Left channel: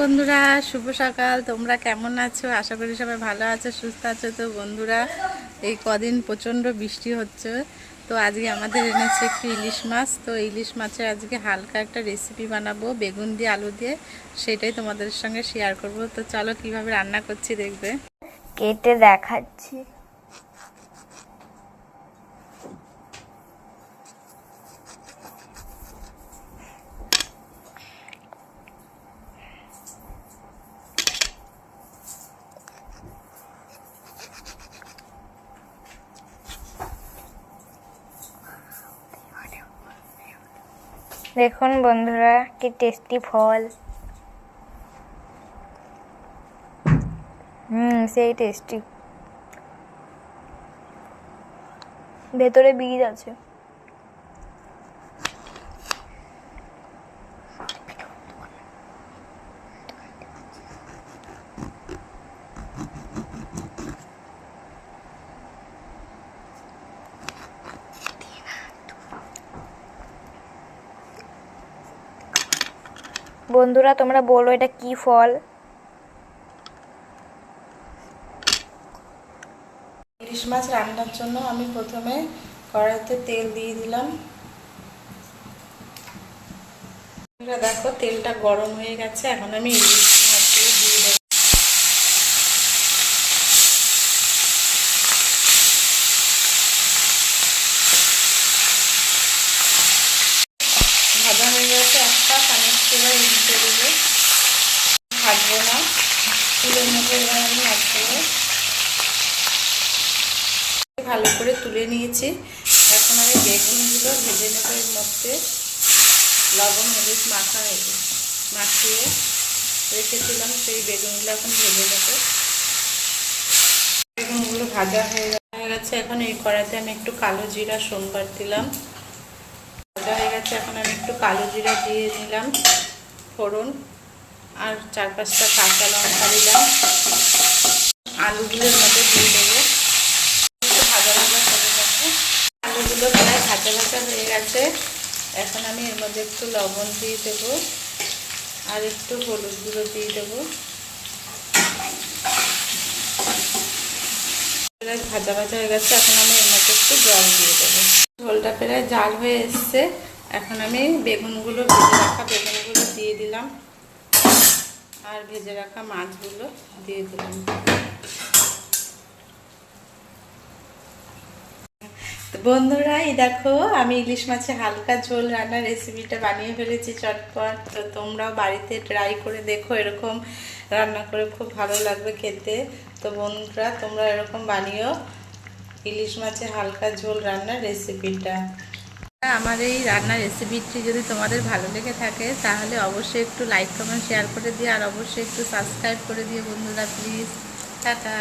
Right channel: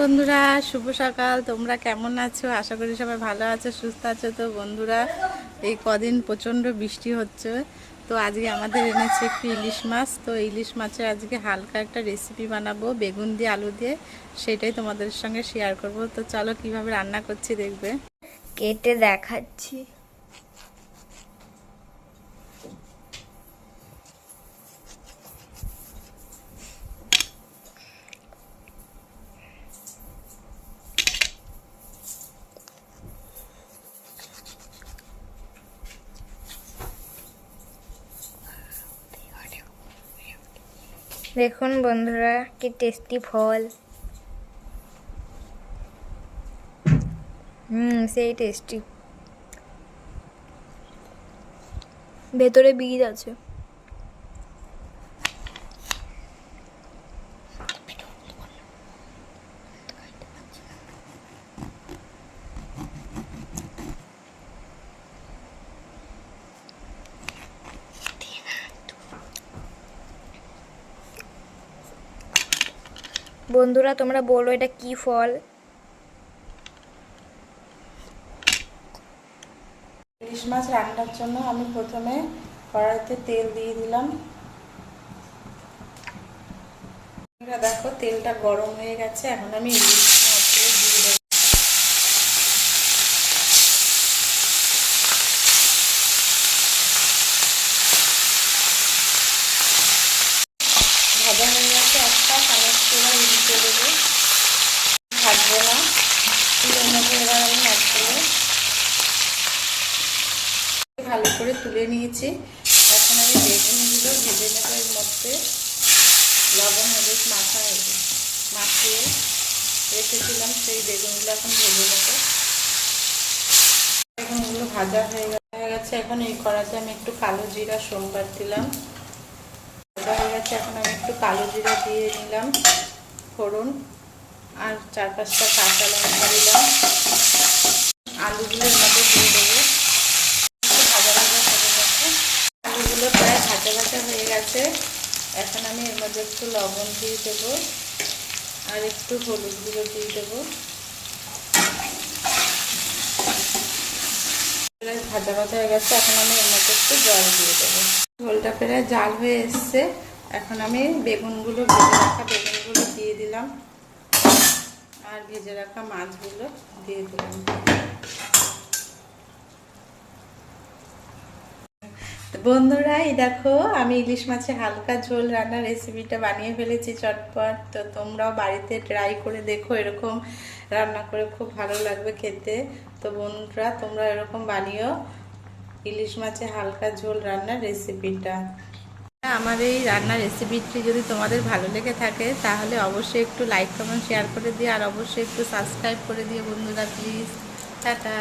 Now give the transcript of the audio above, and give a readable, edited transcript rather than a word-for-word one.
বন্ধুরা, শুভ সকাল। তোমরা কেমন আছো? আশা করি সবাই ভালো আছো, সুস্থ আছো। তো বন্ধুরা, এই কদিন প্রচণ্ড বৃষ্টি হচ্ছে, তো আজকে আমাদের এনেছে একটু ইলিশ মাছ। তো ইলিশ মাছের আজকে হালকা একটা রেসিপি বানাবো বেগুন দিয়ে, আলু দিয়ে। সেটাই তোমাদের সঙ্গে শেয়ার করব। তো চলো কিভাবে রান্না করছি দেখবে। কেটে দেখাচ্ছি। দেখুন বন্ধুরা, কি টেস্টি ফল। সেই টেস্টি। ভেতরে বীজ আছে। বন্ধুরা, তোমরা বলো এটা কি ফল? ইলিশ মাছ রান্নার জন্য আমি প্রথমে কড়াইতে তেল দিয়ে দিলাম। দেখো তেলটা গরম হয়ে গেছে, এখন আমি ইলিশ মাছগুলো দিয়ে দেবো। ভাজা হয়ে গেছে, একটা চামচ করে দিতে দেবো। ভাজবো না, তুলের মধ্যে এবার আমি অ্যাড করবো। ভালো করে তুলে নিয়েছি। এখন আমি বেগুনগুলো ভেজে নেবো। এর মধ্যে লবণ হলুদ মাখিয়ে রেখেছিলাম, সেই বেগুনগুলো এখন ভেজে নেবো। বেগুনগুলো ভাজা হয়ে গেছে। এখন এই কড়াইতে আমি একটু কালো জিরা সোমবার দিলাম। ভাজা হয়ে গেছে, এখন আমি একটু কালো জিরা দিয়ে নিলাম ফোড়ন, আর 4-5টা কাঁচা লঙ্কা দিলাম। আলুগুলোর মধ্যে দিয়ে দেবো। একটু ভাজা ভাজা করে নেবো। আলুগুলো প্রায় ভাজা ভাজা হয়ে গেছে। এখন আমি এর মধ্যে একটু লবণ দিয়ে দেবো, আর একটু হলুদ গুঁড়ো দিয়ে দেবো। ভাজা ভাজা হয়ে গেছে, এখন আমি এর মধ্যে একটু জল দিয়ে দেবো। ঝোলটা প্রায় জাল হয়ে এসছে। এখন আমি ভেজে রাখা বেগুনগুলো দিয়ে দিলাম, আর ভেজে রাখা মাছগুলো দিয়ে দিলাম। তো বন্ধুরা, এই দেখো আমি ইলিশ মাছের হালকা ঝোল রান্নার রেসিপিটা বানিয়ে ফেলেছি চটপট। তো তোমরাও বাড়িতে ট্রাই করে দেখো, এরকম রান্না করে খুব ভালো লাগবে খেতে। তো বন্ধুরা, তোমরা এরকম বানিও ইলিশ মাছের হালকা ঝোল রান্নার রেসিপিটা। আমার এই রান্নার রেসিপিটি যদি তোমাদের ভালো লেগে থাকে, তাহলে অবশ্যই একটু লাইক কমেন্ট শেয়ার করে দিও, আর অবশ্যই একটু সাবস্ক্রাইব করে দিও বন্ধুরা, প্লিজ। টাটা।